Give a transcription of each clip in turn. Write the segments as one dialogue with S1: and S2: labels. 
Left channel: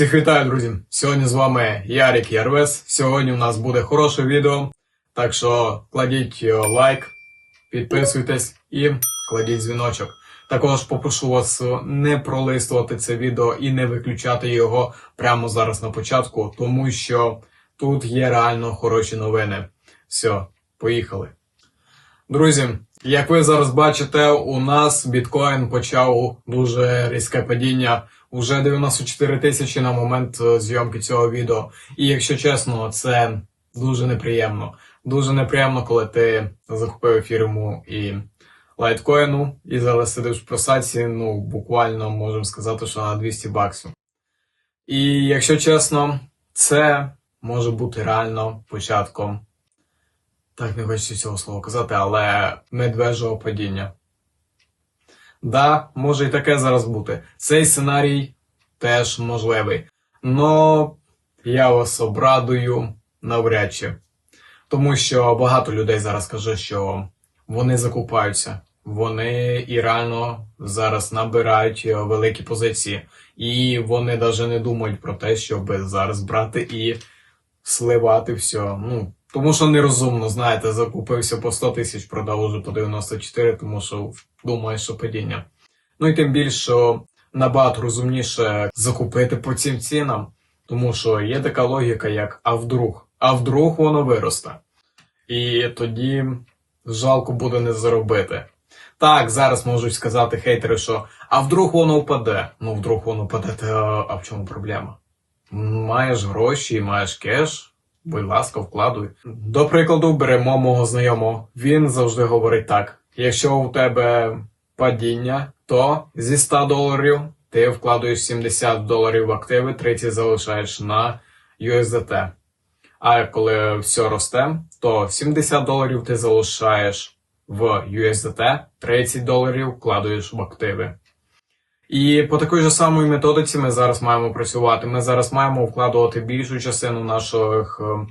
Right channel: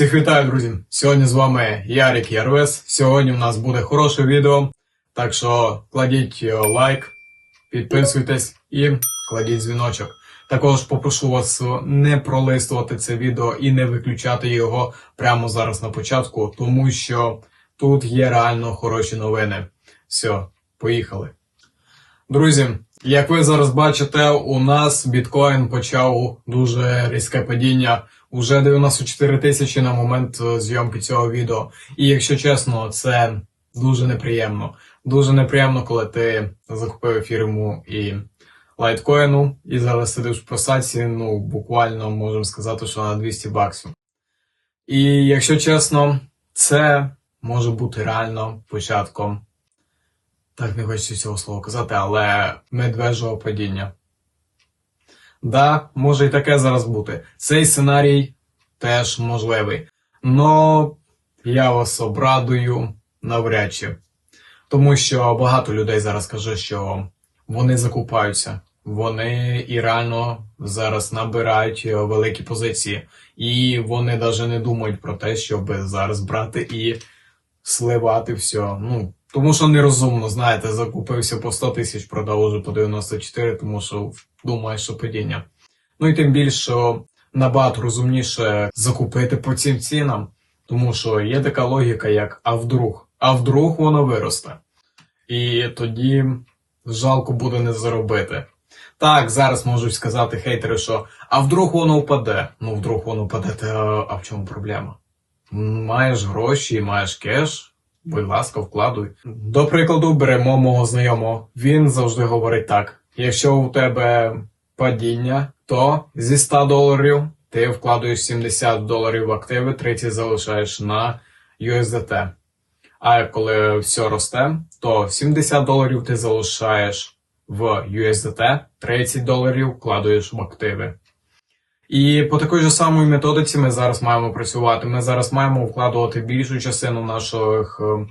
S1: Всіх вітаю, друзі! Сьогодні з вами Ярік Ярвес. Сьогодні у нас буде хороше відео, так що кладіть е, лайк, підписуйтесь і кладіть дзвіночок. Також попрошу вас е, не пролистувати це відео і не виключати його прямо зараз на початку, тому що тут є реально хороші новини. Все, поїхали. Друзі, як ви зараз бачите, у нас біткоін почав дуже різке падіння. Уже 94 тисячі на момент е, зйомки цього відео. І якщо чесно, це дуже неприємно. Дуже неприємно, коли ти захопив фірму і лайткоїну, і зараз сидиш в просаці, ну буквально можемо сказати, що на 200 баксів. І якщо чесно, це може бути реально початком. Так не хочеться цього слова казати, але медвежого падіння. Да, може і таке зараз бути. Цей сценарій теж можливий. Но я вас обрадую навряд чи. Тому що багато людей зараз каже, що вони закупаються. Вони і реально зараз набирають великі позиції. І вони навіть не думають про те, щоб зараз брати і сливати все. Ну, тому що нерозумно, знаєте, закупився по 100 тисяч, продав уже по 94, тому що думає, що падіння. Ну і тим більше, набагато розумніше закупити по цим цінам, тому що є така логіка, як а вдруг, а вдруг воно виросте. І тоді жалко буде не заробити. Так, зараз можуть сказати хейтери, що а вдруг воно впаде. Ну, вдруг воно впаде, та а в чому проблема? Маєш гроші, маєш кеш, будь ласка, вкладуй. До прикладу, беремо мого знайомого. Він завжди говорить так: якщо у тебе падіння, то зі 100 доларів ти вкладуєш 70 доларів в активи, 30 залишаєш на USDT. А коли все росте, то 70 доларів ти залишаєш в USDT, 30 доларів вкладуєш в активи. І по такій же самій методиці ми зараз маємо працювати. Ми зараз маємо вкладувати більшу частину наших е,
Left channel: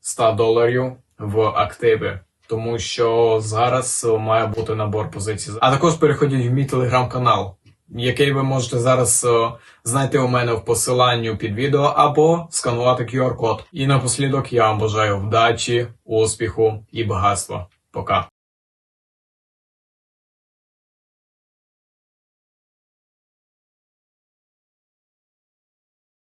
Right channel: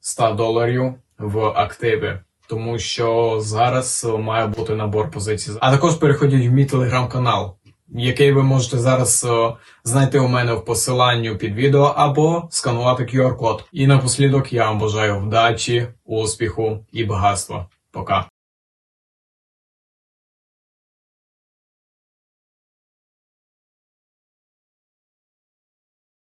S1: 100 доларів в активи. Тому що зараз е, має бути набор позицій. А також переходіть в мій телеграм-канал, який ви можете зараз е, знайти у мене в посиланні під відео або сканувати QR-код. І напослідок я вам бажаю вдачі, успіху і багатства. Пока.